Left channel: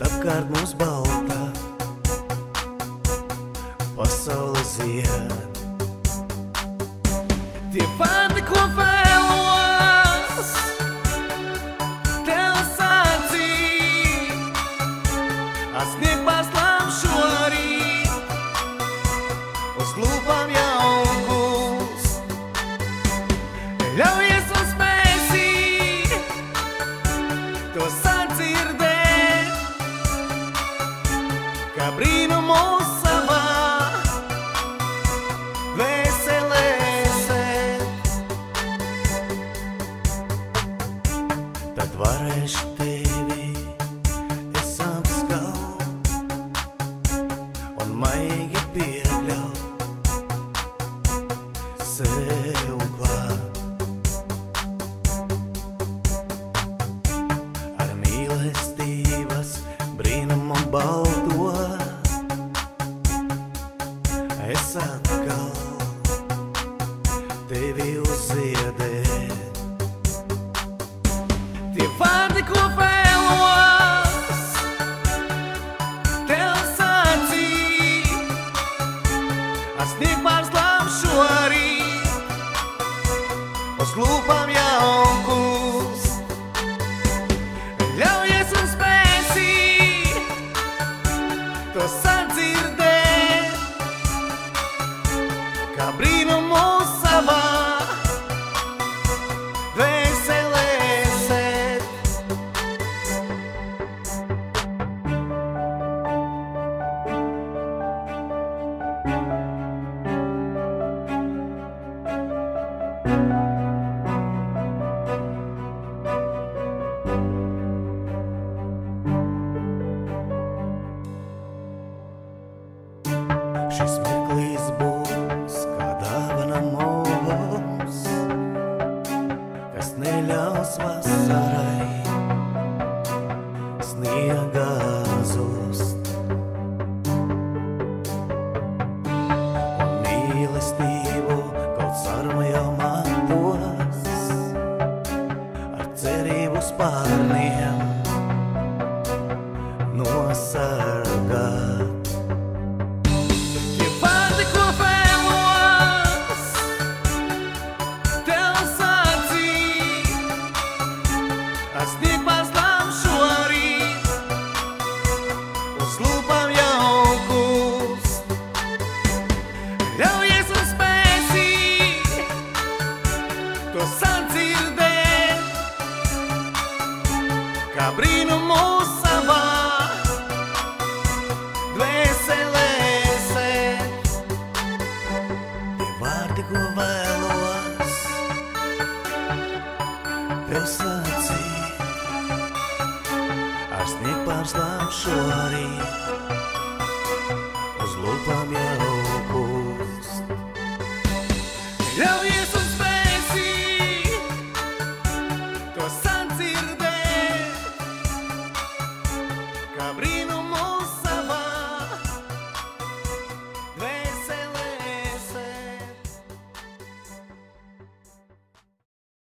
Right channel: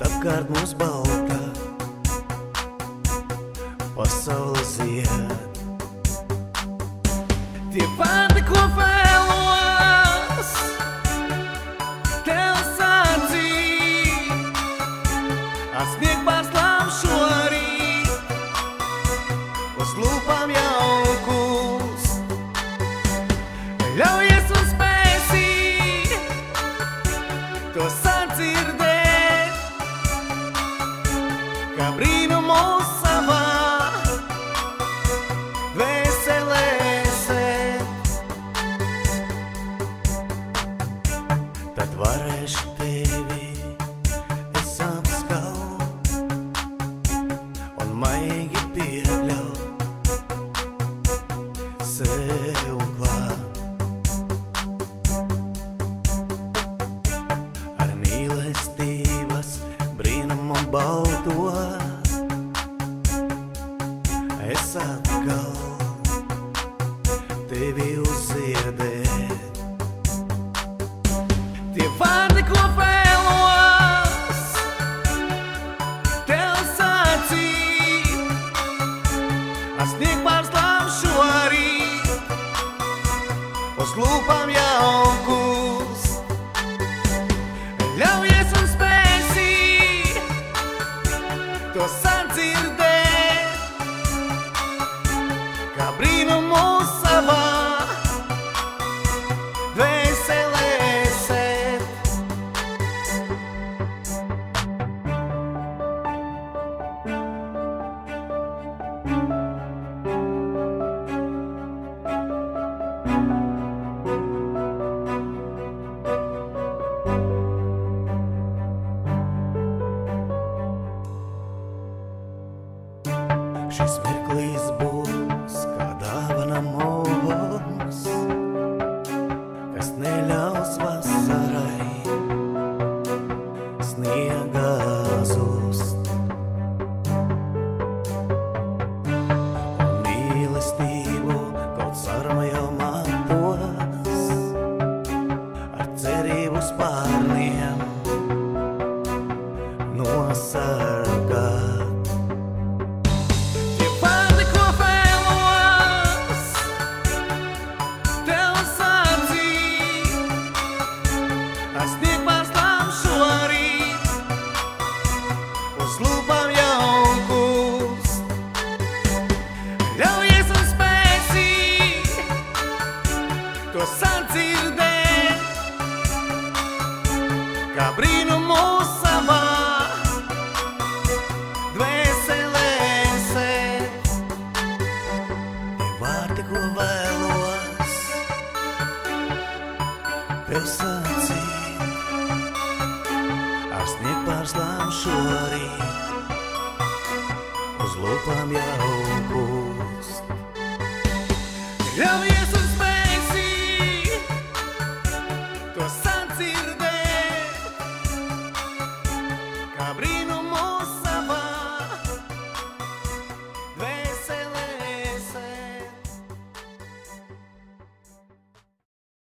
apkārt mums balta pasaule zied. Tie vārdi, ko vēlos tev sacīt, atsniegt pārslām šorīt, uz lūpām jaukus. Ļaujies un spēsi to sadzirdēt, kā brīnumu savā dvēselē sēt. Tad varēšu tevi es apskaut un maigi piekļaut sev klāt. Ar mīlestības brīnumu balto es atkal tevi uzziedēt. Tie vārdi, ko vēlos tev sacīt, atsniegt pārslām šorīt, uz lūpām jaukus. Ļaujies un spēsi to sadzirdēt, kā brīnumu savā dvēselē sēt. Šis mirklis būs kā dāvana mums, kas neļaus vasarai sniega zust. Un mīlestību kaut sarma jau mantos, ar cerību spārniem nosargāt. Atsniegt pārslām šorīt, uz lūpām jaukus. Ļaujies un spēsi to sadzirdēt, kā brīnumu savā dvēselē sēt. Tie vārdi, ko vēlos tev sacīt, atsniegt pārslām šorīt, uz lūpām jaukust. Ļaujies un spēsi to sadzirdēt, kā brīnumu